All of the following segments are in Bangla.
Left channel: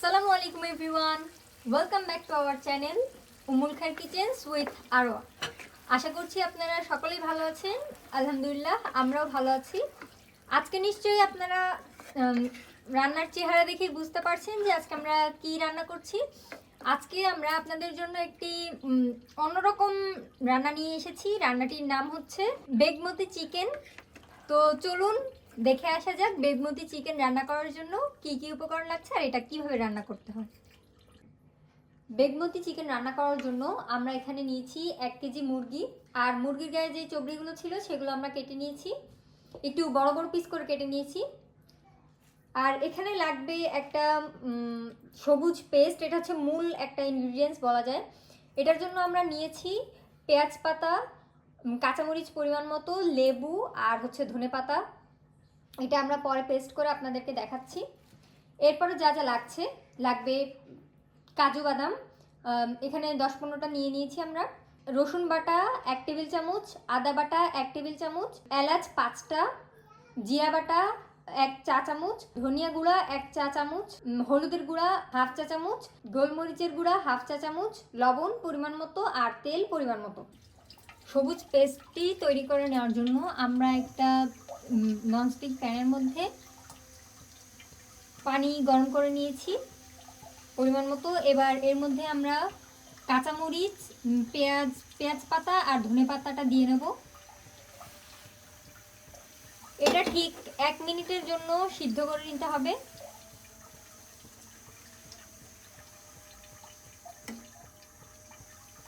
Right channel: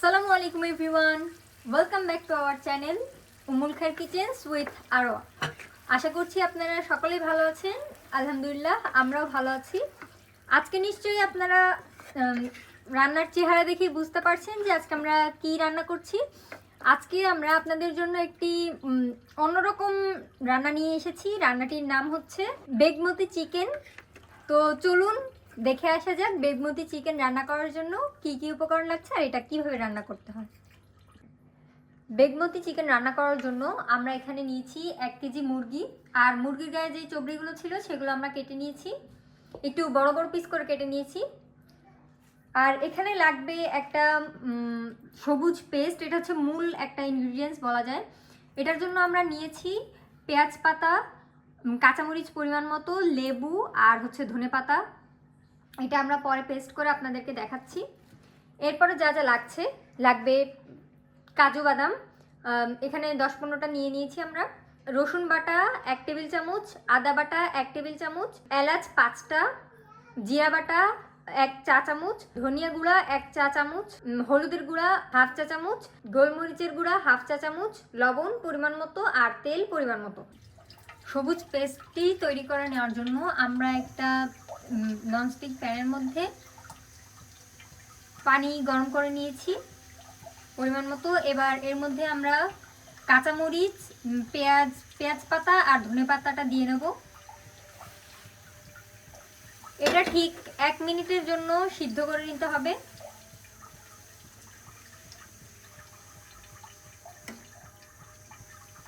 আসসালামু আলাইকুম everyone, welcome back to our channel Ummul Khayer kitchens with Arowa. আশা করছি আপনারা সকলেই ভালো আছেন। আলহামদুলিল্লাহ আমরাও ভালো আছি। আজকে নিশ্চয়ই আপনারা রান্নার চেহারা দেখে বুঝতে পারছেন যে আজকে আমরা কি রান্না করছি। আজকে আমরা আপনাদের জন্য একটি অন্যরকম রান্না নিয়ে এসেছি। রান্নাটির নাম হচ্ছে বেগমতি চিকেন। তো চলুন দেখে আসা যাক বেগমতি চিকেন রান্না করার জন্য কি কি উপকরণ লাগছে আর এটা কিভাবে রান্না করতে হয়। বেগমতি চিকেন রান্না করার জন্য আমরা এখানে নিয়েছি 1 কেজি মুরগি। আর মুরগির গায়ে যে চর্বিগুলো ছিল সেগুলো আমরা কেটে নিয়েছি, একটু বড় বড় পিস করে কেটে নিয়েছি। আর এখানে লাগবে একটা সবুজ পেস্ট, এটা হচ্ছে মূল একটা ইনগ্রিডিয়েন্টস বলা যায়। এটার জন্য আমরা নিয়েছি পেঁয়াজ পাতা, কাঁচামরিচ পরিমাণ মতো, লেবু আর হচ্ছে ধনেপাতা। এটা আমরা পরে পেস্ট করে আপনাদেরকে দেখাচ্ছি। এরপরে যা যা লাগবে কাজু বাদাম, এখানে 10-15টা নিয়ে নিয়েছি আমরা। রসুন বাটা 1 টেবিল চামচ, আদা বাটা 1 টেবিল চামচ, এলাচ 5টা, জিরা বাটা 1 চা চামচ, ধনিয়া গুঁড়া 1 চা চামচ, হলুদের গুঁড়া 1/2 চা চামচ, গোলমরিচের গুঁড়া 1/2 চা চামচ, লবণ পরিমাণ মতো আর তেল পরিমাণ মতো। সবুজ পেস্টটি তৈরি করে নেওয়ার জন্য আমরা একটা ননস্টিক প্যানের মধ্যে পানি গরম করে নিয়েছি পরিমাণ মতো। এবার এর মধ্যে আমরা কাঁচামরিচ, পেঁয়াজ পাতা আর ধনে পাতাটা দিয়ে নেব। এটা ঠিক 1 মিনিটের জন্য সিদ্ধ করে নিতে হবে।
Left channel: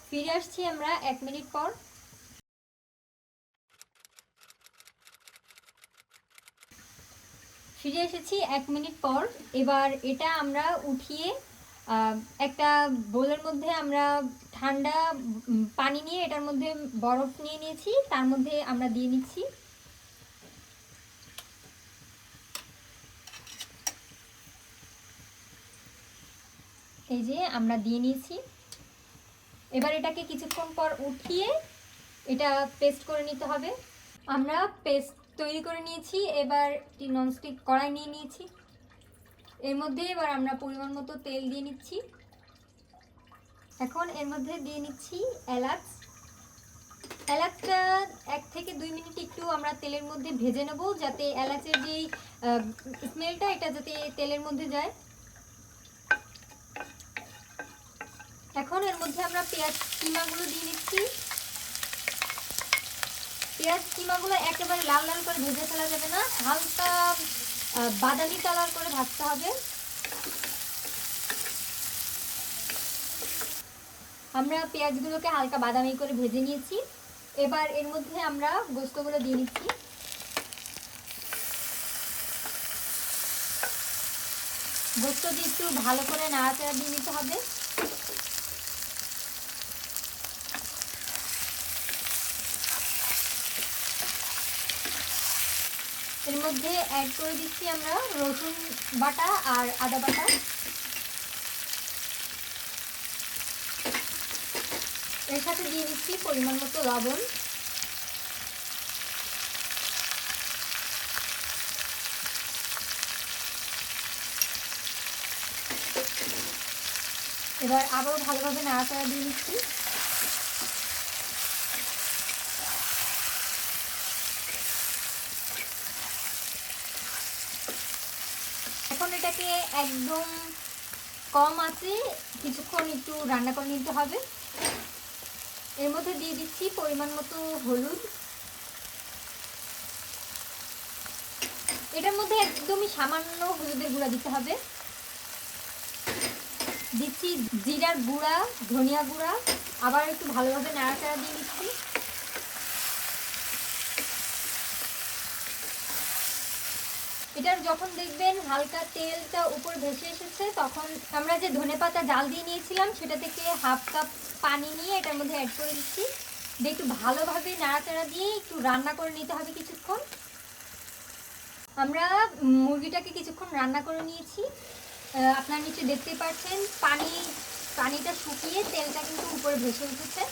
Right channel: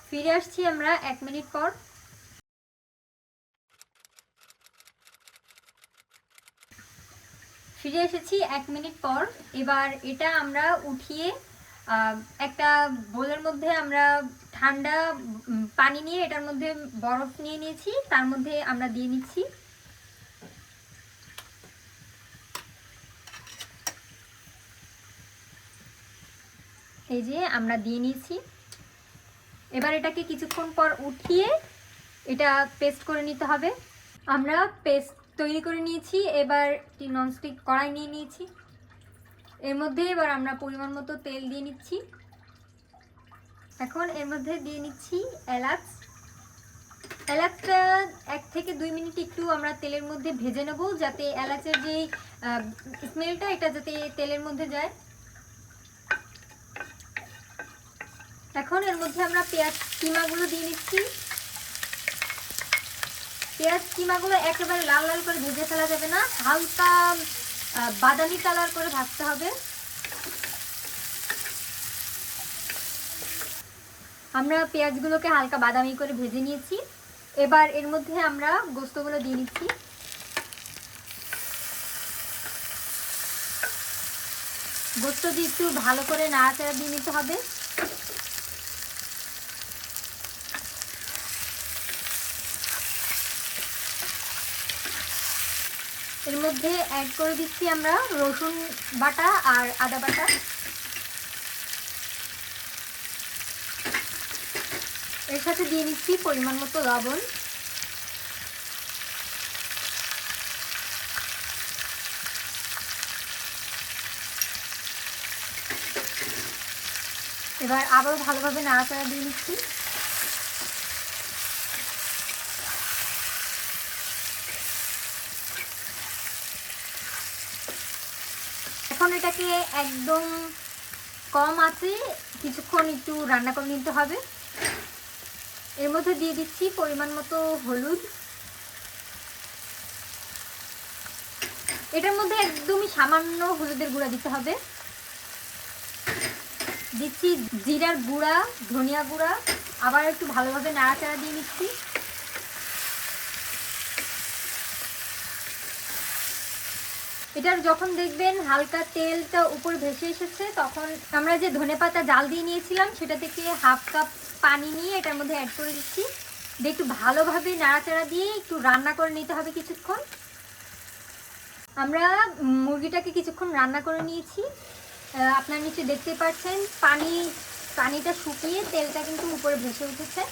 ফিরে আসছি আমরা 1 মিনিট পর। ফিরে এসেছি 1 মিনিট পর। এবার এটা আমরা উঠিয়ে একটা বোলের মধ্যে আমরা ঠান্ডা পানি নিয়ে এটার মধ্যে বরফ নিয়ে নিয়েছি, তার মধ্যে আমরা দিয়ে নিচ্ছি। এই যে আমরা দিয়ে নিয়েছি। এবার এটাকে কিছুক্ষণ পর উঠিয়ে এটা পেস্ট করে নিতে হবে। আমরা পেস্ট তৈরি করে নিয়েছি। এবার একটি ননস্টিক কড়াই নিয়ে নিয়েছি। এর মধ্যে এবার আমরা পরিমাণ মতো তেল দিয়ে নিচ্ছি। এখন এর মধ্যে দিয়ে নিচ্ছি এলাচটা 1 থেকে 2 মিনিট একটু আমরা তেলের মধ্যে ভেজে নেব, যাতে এলাচের যে স্মেলটা এটা যাতে তেলের মধ্যে যায়। এখন এর মধ্যে আমরা পেঁয়াজ কিমাগুলো দিয়ে নিচ্ছি। পেঁয়াজ কিমাগুলো একেবারে লাল লাল করে ভেজে ফেলা যাবে না, হালকা বাদামি কালার করে ভাজতে হবে। আমরা পেঁয়াজগুলোকে হালকা বাদামি করে ভেজে নিয়েছি। এবার এর মধ্যে আমরা গোস্তগুলো দিয়ে নিচ্ছি। গোস্ত দিয়ে একটু ভালো করে নাড়াচাড়া দিয়ে নিতে হবে। এর মধ্যে অ্যাড করে দিচ্ছি আমরা রসুন বাটা আর আদা বাটা। এর সাথে দিয়ে দিচ্ছি পরিমাণ মতো লবণ। এবার আবারও ভালোভাবে নাড়াচাড়া দিয়ে নিচ্ছি। এখন এটাকে একদম কম আঁচে কিছুক্ষণ একটু রান্না করে নিতে হবে। এর মধ্যে দিয়ে দিচ্ছি পরিমাণ মতো হলুদ। এটার মধ্যে একদমই সামান্য হলুদের গুঁড়া দিতে হবে। দিচ্ছি জিরার গুঁড়া, ধনিয়া গুঁড়া। আবার একটু ভালোভাবে নাড়াচাড়া দিয়ে নিচ্ছি। এটার যখন দেখবেন হালকা তেলটা উপর ভেসে এসেছে, তখন আমরা যে ধনেপাতা জাল দিয়ে নিয়েছিলাম সেটা থেকে 1/2 কাপ পানি নিয়ে এটার মধ্যে অ্যাড করে দিচ্ছি। দিয়ে একটু ভালোভাবে নাড়াচাড়া দিয়ে একটু রান্না করে নিতে হবে কিছুক্ষণ। আমরা মুরগিটাকে কিছুক্ষণ রান্না করে নিয়েছি। আপনারা নিচে দেখতে পাচ্ছেন পানিটা শুকিয়ে তেলটা কিন্তু উপরে ভেসে উঠেছে।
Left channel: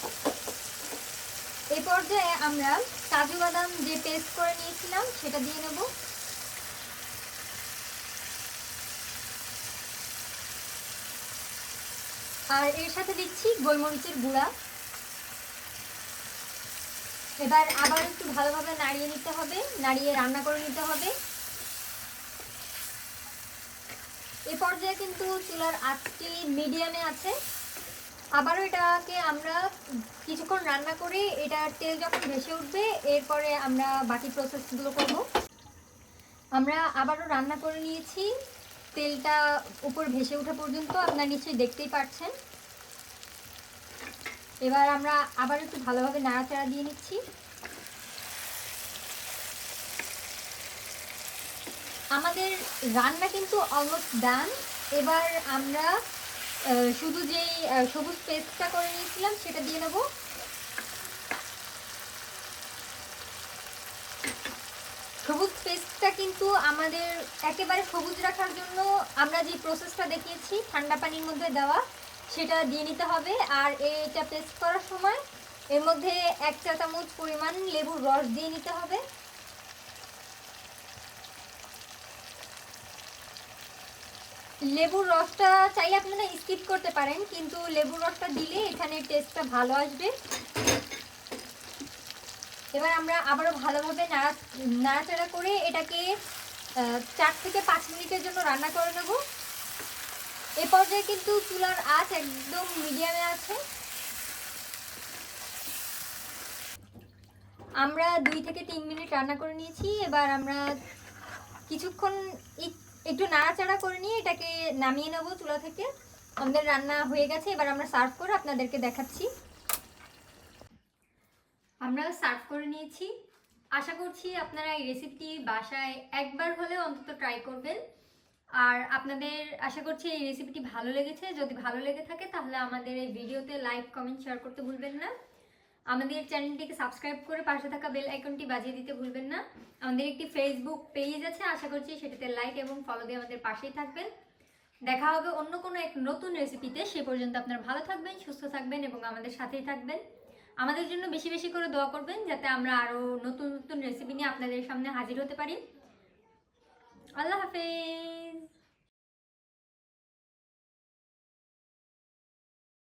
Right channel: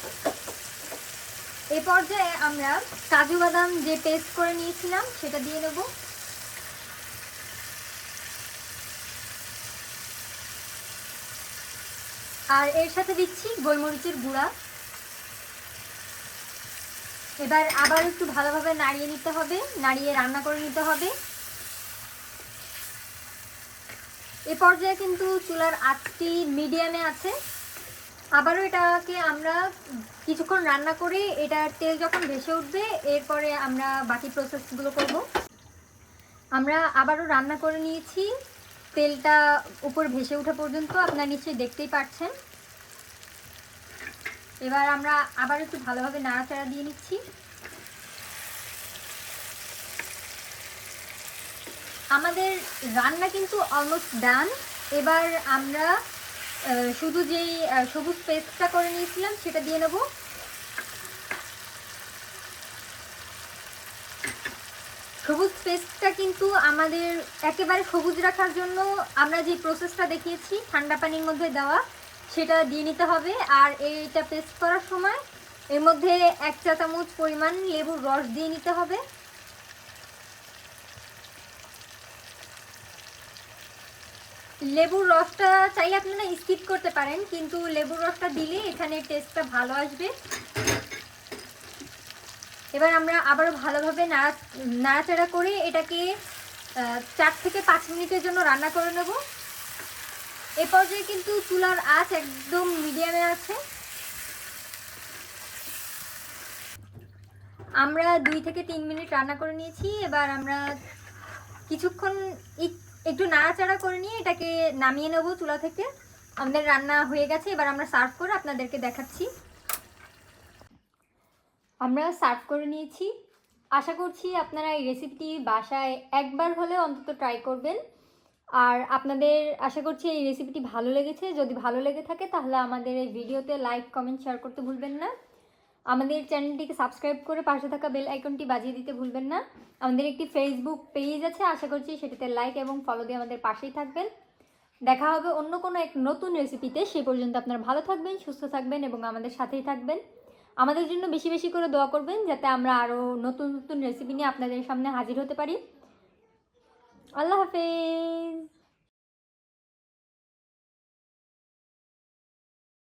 এই পর্যায়ে আমরা কাজু বাদাম যে পেস্ট করে নিয়েছিলাম সেটা দিয়ে নেব। আর এর সাথে দিচ্ছি গোলমরিচের গুঁড়া। এবার আবার একটু ভালোভাবে নাড়িয়ে নিতে হবে, নাড়িয়ে রান্না করে নিতে হবে। এই পর্যায়ে কিন্তু চুলার আঁচটি মিডিয়ামে আছে। আবারও এটাকে আমরা কিছুক্ষণ রান্না করে এটার তেল যখন ভেসে উঠবে এরপরে আমরা বাকি প্রসেসগুলো করব। আমরা আবারও রান্না করে নিয়েছি, তেলটা উপর ভেসে ওঠা পর্যন্ত আপনারা নিশ্চয়ই দেখতেই পাচ্ছেন। এবার আমরা আবার একটু ভালোভাবে নাড়াচাড়া দিয়ে নিচ্ছি। আমাদের রান্না কিন্তু অলমোস্ট ডান। এবার আমরা শুধু যেই সবুজ পেস্টটা করে নিয়েছিলাম সেটা দিয়ে নেব। সবুজ পেস্টটা কিন্তু আমাদের একেবারে সবুজ রাখার জন্য আমরা যে প্রসেসটা দেখিয়েছি ঠান্ডা পানির মধ্যে দেওয়া, সেটা দিয়ে নিতে হবে। আর এইটা পেস্ট করার সময় এর মধ্যে 1 চা চামচ পরিমাণ লেবুর রস দিয়ে নিতে হবে। লেবুর রসটা চাইলে আপনারা স্কিপ করতে পারেন, কিন্তু লেবুর রসটা দিলে এখানে টেস্টটা ভালো আসবে। এবার আমরা আবারও ভালোভাবে নাড়াচাড়া করে এটাকে 4 থেকে 5 মিনিটের জন্য রান্না করে নেব। এ পর্যায়ে কিন্তু চুলার আঁচ একদম মিডিয়ামে আছে। আমরা 2 থেকে 3 মিনিট রান্না করে নিয়েছি। এবার আমরা কিছুক্ষণ একটু নাড়াচাড়া করে নিয়ে এটাকে নামিয়ে নেব চুলা থেকে। আমাদের রান্না হয়ে গেছে, এবার আমরা সার্ভ করে আপনাদেরকে দেখাচ্ছি। আমরা সার্ভ করে নিয়েছি। আশা করছি আপনারা এই রেসিপিটি বাসায় একবার হলেও অন্তত ট্রাই করবেন। আর আপনাদের আশা করছি এই রেসিপিটি ভালো লেগেছে। যদি ভালো লেগে থাকে তাহলে আমাদের এই ভিডিওতে লাইক, কমেন্ট, শেয়ার করতে ভুলবেন না। আমাদের চ্যানেলটিকে সাবস্ক্রাইব করে পাশে থাকা বেল আইকনটি বাজিয়ে দিতে ভুলবেন না। আমাদের একটি ফেসবুক পেজ আছে, আশা করছি সেটাতে লাইক এবং ফলো দিয়ে আমাদের পাশেই থাকবেন। দেখা হবে অন্য কোনো এক নতুন রেসিপিতে। সে পর্যন্ত আপনারা ভালো থাকবেন, সুস্থ থাকবেন এবং আমাদের সাথেই থাকবেন। আমাদের জন্য বেশি বেশি করে দোয়া করবেন যাতে আমরা আরও নতুন নতুন রেসিপি নিয়ে আপনাদের সামনে হাজির হতে পারি। আল্লাহ হাফেজ।